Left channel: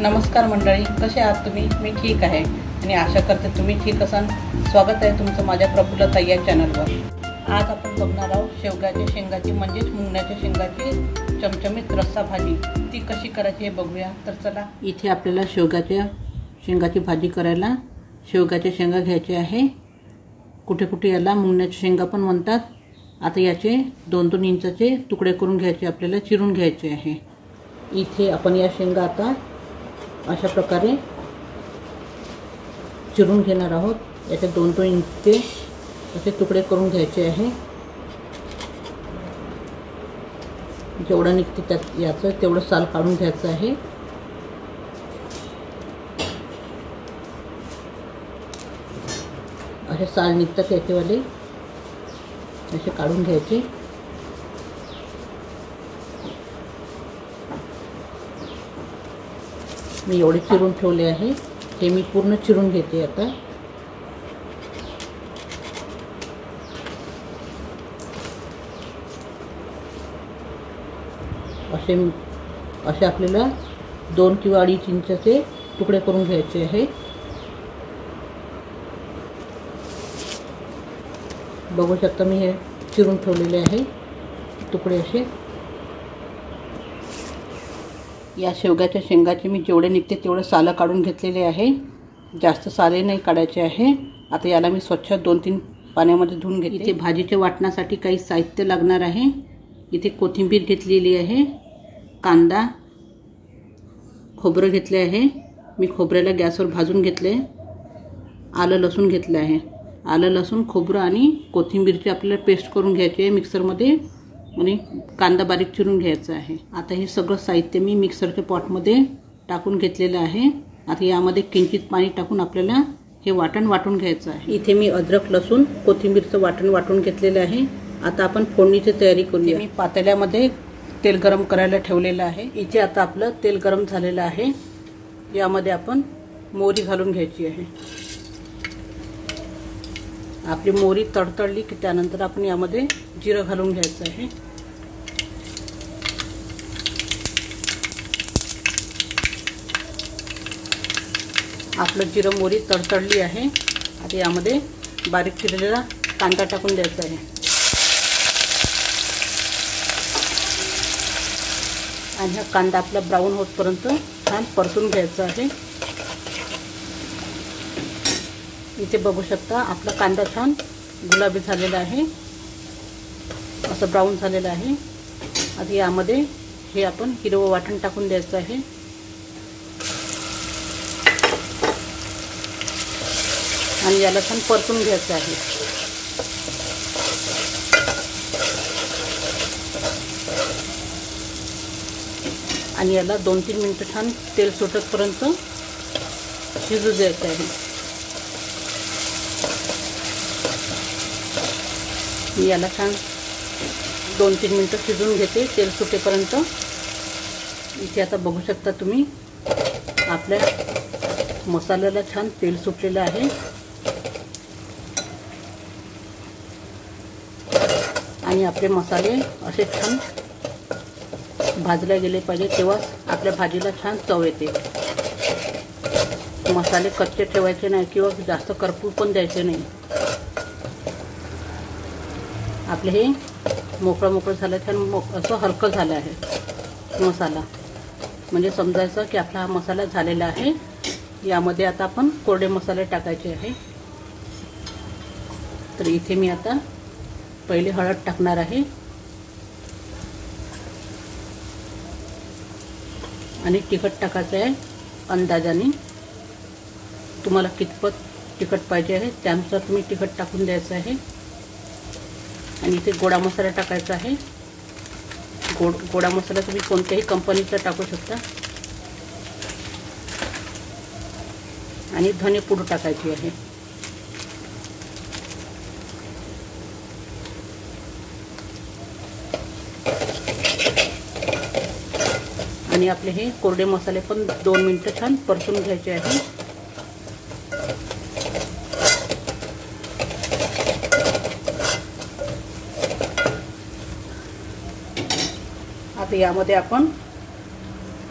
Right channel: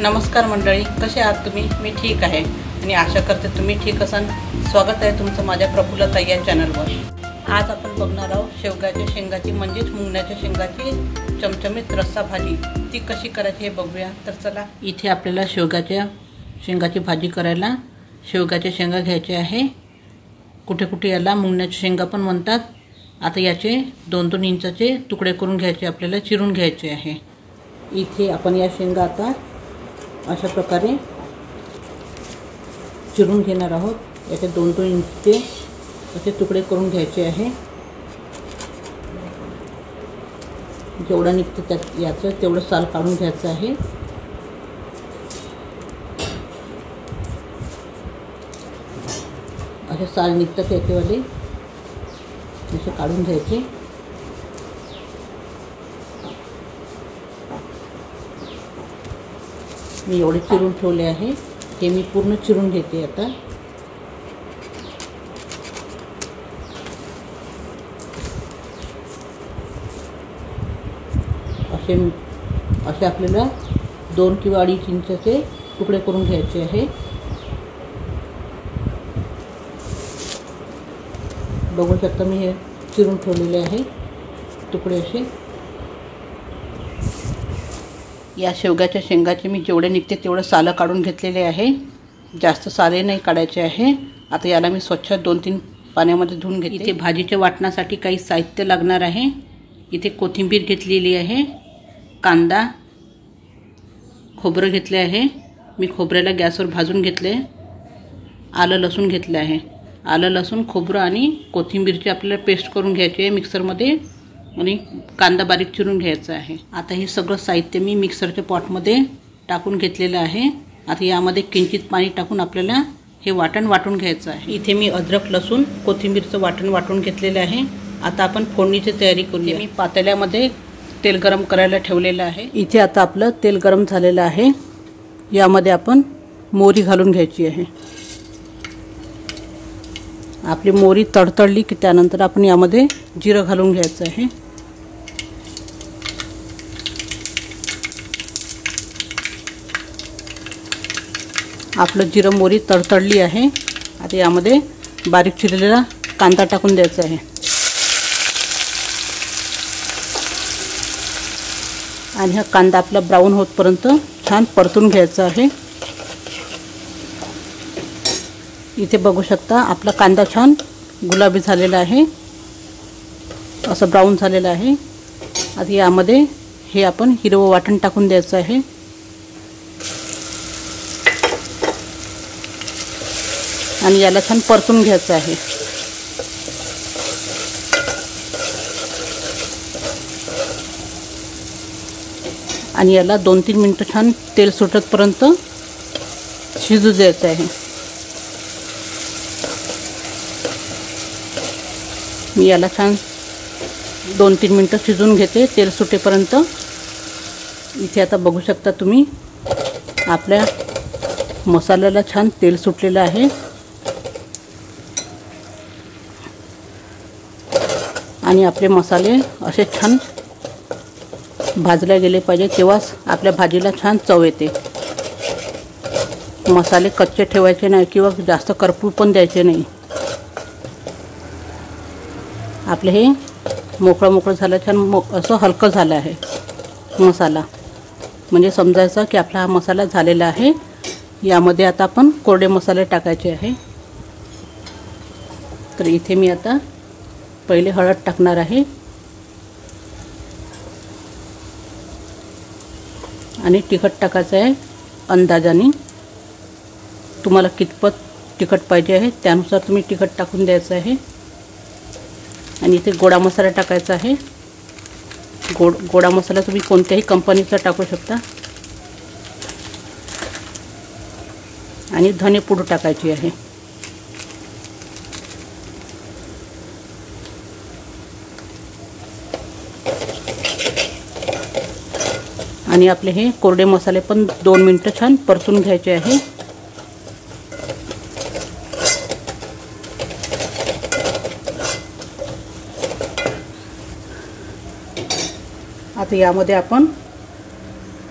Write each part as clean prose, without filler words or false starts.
नमस्कार मंडळी, कसे आहात तुम्ही? मी ठीक आहे आणि आशा करते तुम्ही ठीक असाल. स्वागत आहे तुमचं माझ्या प्रफुल्लता या चॅनलवर. आज आपण बघणार आहोत शेवग्याच्या शेंगाची म्हणजेच मुंगण्याच्या शेंगाची चमचमीत रस्सा भाजी. ती कशी करायची हे बघूया. तर चला, इथे आपल्याला शेवग्याच्या शेंगाची भाजी करायला शेवग्याच्या शेंगा घ्यायचे आहे. कुठे कुठे याला मुंगण्याच्या शेंगा पण म्हणतात. आता याचे 2-2 इंचाचे तुकडे करून घ्यायचे, आपल्याला चिरून घ्यायचे आहे. इथे आपण या शेंगा आता अशा प्रकारे चिरून घेणार आहोत. याचे 2-2 इंचचे असे तुकडे करून घ्यायचे आहे. जेवढं निघते त्यात याचं तेवढं साल काढून घ्यायचं आहे. असे साल निघतात याचेवाले, असे काढून घ्यायचे. मी एवढे चिरून ठेवले आहे. हे मी पूर्ण चिरून घेते आता. असे आपल्याला 2 किंवा 2.5 इंचाचे तुकडे करून घ्यायचे आहे. बघू शकता मी हे चिरून ठेवलेले आहे तुकडे असे. या शेवग्याच्या शेंगाचे मी जेवढे निघते तेवढे सालं काढून घेतलेले आहे. जास्त साले नाही काढायचे आहे. आता याला मी स्वच्छ 2-3 पाण्यामध्ये धुवून घेते. इथे भाजीच्या वाटणासाठी काही साहित्य लागणार आहे. इथे कोथिंबीर घेतलेली आहे, कांदा, खोबरं घेतले आहे. मी खोबऱ्याला गॅसवर भाजून घेतले. आलं लसूण घेतले आहे. आलं लसूण खोबरं आणि कोथिंबीरची आपल्याला पेस्ट करून घ्यायची आहे मिक्सरमध्ये, आणि कांदा बारीक चिरून घ्यायचा आहे. आता हे सगळं साहित्य मी मिक्सरच्या पॉटमध्ये टाकून घेतलेलं आहे. आता यामध्ये किंचित पाणी टाकून आपल्याला हे वाटण वाटून घ्यायचं आहे. इथे मी अद्रक लसूण कोथिंबीरचं वाटण वाटून घेतलेलं आहे. आता आपण फोडणीची तयारी करूया. मी पातेल्यामध्ये तेल गरम करायला ठेवलेलं आहे. इथे आता आपलं तेल गरम झालेलं आहे. यामध्ये आपण मोहरी घालून घ्यायची आहे. आपली मोहरी तडतडली की त्यानंतर आपण यामध्ये जिरं घालून घ्यायचं आहे. आपलं जिरं मोहरी तडतडली आहे. आता यामध्ये बारीक चिरलेला कांदा टाकून द्यायचा आहे. आणि हा कांदा आपला ब्राऊन होतपर्यंत छान परतून घ्यायचा आहे. इथे बघू शकता आपला कांदा छान गुलाबी झालेला आहे, असं ब्राऊन झालेलं आहे. आता यामध्ये हे आपण हिरवं वाटण टाकून द्यायचं आहे. आणि याला छान परतून घ्यायचं आहे. आणि याला 2-3 मिनिटं छान तेल सुटतपर्यंत शिजू द्यायचं आहे. मी याला छान 2-3 मिनिटं शिजून घेते तेल सुटेपर्यंत. इथे आता बघू शकता तुम्ही आपल्या मसाल्याला छान तेल सुटलेलं आहे. आणि आपले मसाले असे छान भाजले गेले पाहिजे, तेव्हाच आपल्या भाजीला छान चव येते. मसाले कच्चे ठेवायचे नाही किंवा जास्त करपू पण द्यायचे नाही. आपले हे मोकळं झालं, छान असं हलकं झालं आहे मसाला, म्हणजे समजायचं की आपला हा मसाला झालेला आहे. यामध्ये आता आपण कोरडे मसाले टाकायचे आहे. तर इथे मी आता पहिले हळद टाकणार आहे. आणि तिखट टाकायचं आहे अंदाजाने. तुम्हाला कितपत तिखट पाहिजे आहे त्यानुसार तुम्ही तिखट टाकून द्यायचं आहे. आणि इथे गोडा मसाला टाकायचा आहे. गोडा मसाला तुम्ही कोणत्याही कंपनीचा टाकू शकता. आणि धने पूड टाकायची आहे. आणि आपले हे कोरडे मसाले पण 2 मिनिटं छान परतून घ्यायचे आहे. आता यामध्ये आपण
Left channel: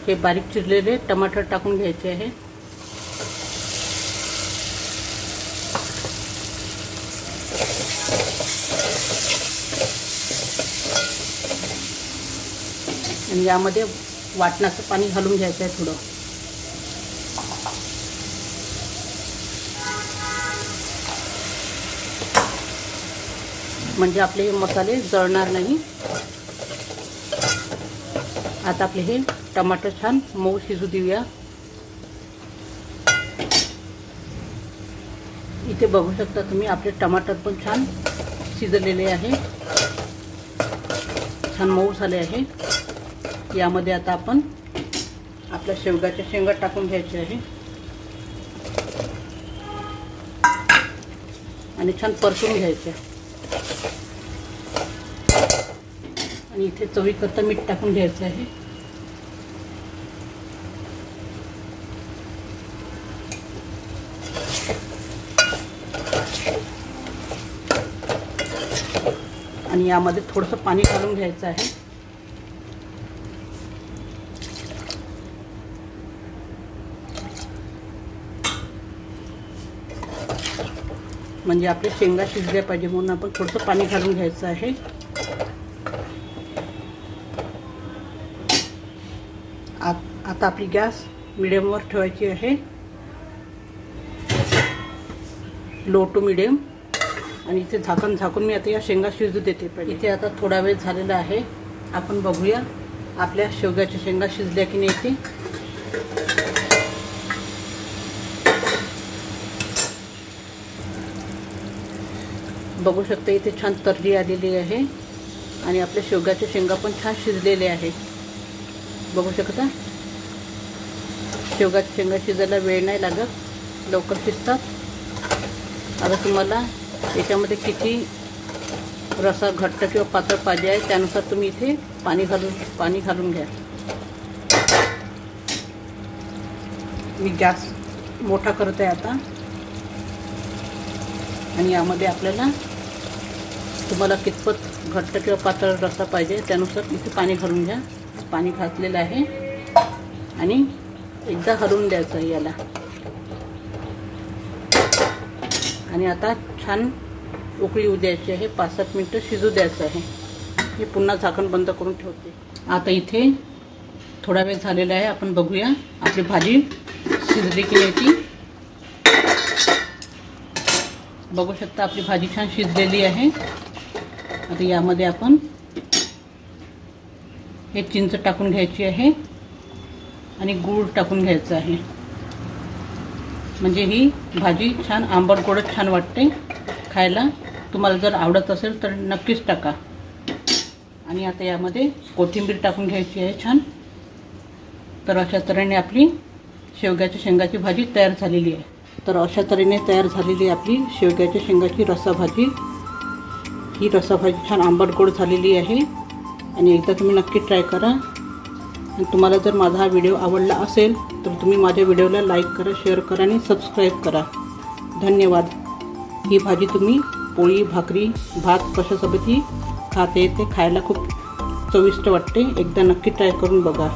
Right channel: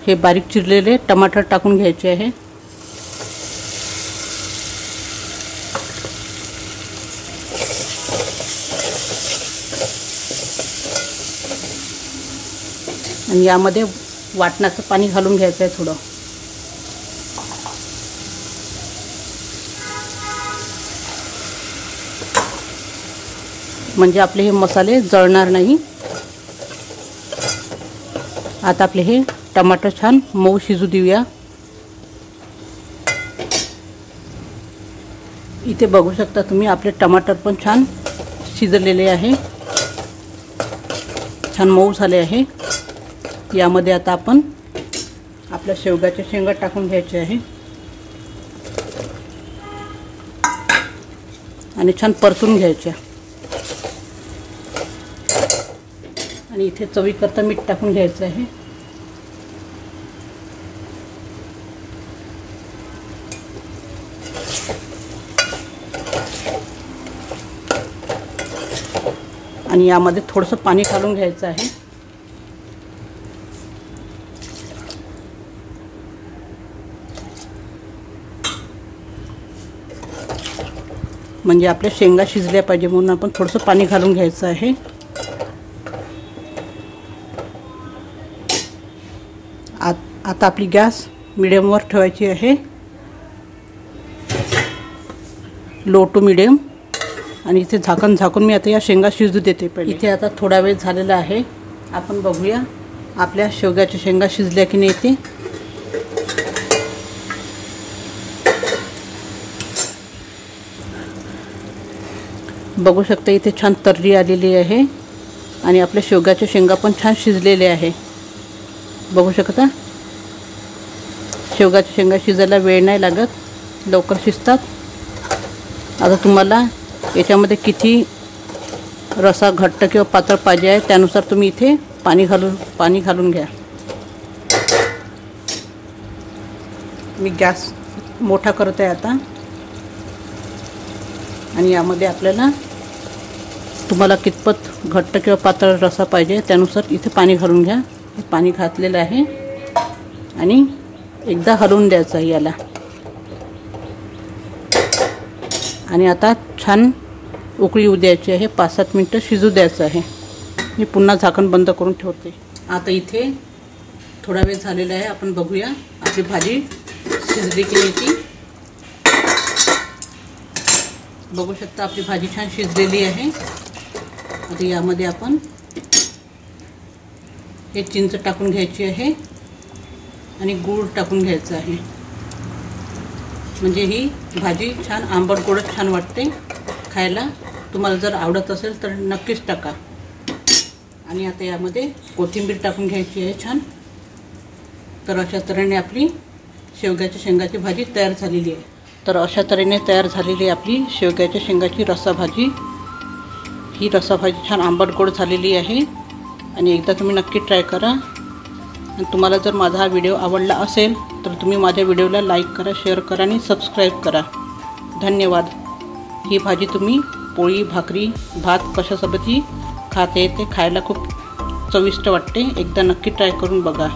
हे बारीक चिरलेले टमाटर टाकून घ्यायचे आहे। आणि यामध्ये वाटणाचं पाणी घालून घ्यायचं आहे थोडं। म्हणजे आपले हे मसाले जळणार नाही। आता आपले हे टमाटर छान मऊ शिजू देऊया। इथे बघू शकता तुम्ही आपले टमाटर पण छान शिजलेले आहे, छान मऊ झाले आहे। यामध्ये आता आपण आपल्या शेवगाच्या शेंगा टाकून घ्यायचे आहे आणि छान परतून घ्यायच्या। आणि इथे चवीकरता मीठ टाकून घ्यायचं आहे। आणि यामध्ये थोडंसं पाणी घालून घ्यायचं आहे। म्हणजे आपल्या शेंगा शिजल्या पाहिजे म्हणून आपण थोडंसं पाणी घालून घ्यायचं आहे। आता आपली गॅस मिडियमवर ठेवायची आहे, लो टू मिडियम। आणि इथे झाकून मी आता या शेंगा शिजू देते पहिले। इथे आता थोडा वेळ झालेला आहे, आपण बघूया आपल्या शेवग्याच्या शेंगा शिजल्या की नाही ते। बघू शकता इथे छान तर्री आलेली आहे आणि आपल्या शेवग्याच्या शेंगा पण छान शिजलेले आहे। बघू शकता शेवग्याच्या शेंगा शिजायला वेळ नाही लागत, लवकर शिजतात। आता तुम्हाला याच्यामध्ये किती रसा घट्ट किंवा पातळ पाहिजे आहे त्यानुसार तुम्ही इथे पाणी घालून घ्या। मी गॅस मोठा करत आहे आता। आणि यामध्ये आपल्याला तुम्हाला कितपत घट्ट किंवा पातळ रसा पाहिजे त्यानुसार इथे पाणी घालून घ्या। पाणी घातलेलं आहे आणि एकदा हलवून द्यायचं आहे याला। आणि आता छान उकळी येऊ द्यायची आहे, 5-7 मिनिटं शिजू द्यायचं आहे। मी पुन्हा झाकण बंद करून ठेवते। आता इथे थोडा वेळ झालेला आहे, आपण बघूया आपली भाजी शिजली की नाही ती। बघू शकता आपली भाजी छान शिजलेली आहे। आता यामध्ये आपण हे चिंच टाकून घ्यायची आहे आणि गूळ टाकून घ्यायचं आहे। म्हणजे ही भाजी छान आंबट गोड छान वाटते खायला। तुम्हाला जर आवडत असेल तर नक्कीच टाका। आणि आता यामध्ये कोथिंबीर टाकून घ्यायची आहे छान। तर अशा तऱ्हेने आपली शेवग्याच्या शेंगाची भाजी तयार झालेली आहे। तर अशा तऱ्हेने तयार झालेली आहे आपली शेवग्याच्या शेंगाची रस्साभाजी। ही रस्साभाजी छान आंबट गोड झालेली आहे आणि एकदा तुम्ही नक्की ट्राय करा। आणि तुम्हाला जर माझा हा व्हिडिओ आवडला असेल तर तुम्ही माझ्या व्हिडिओला लाईक करा, शेअर करा आणि सबस्क्राईब करा। धन्यवाद। ही भाजी तुम्ही पोळी, भाकरी, भात कशासोबतही खाता येते, खायला खूप चविष्ट वाटते। एकदा नक्की ट्राय करून बघा।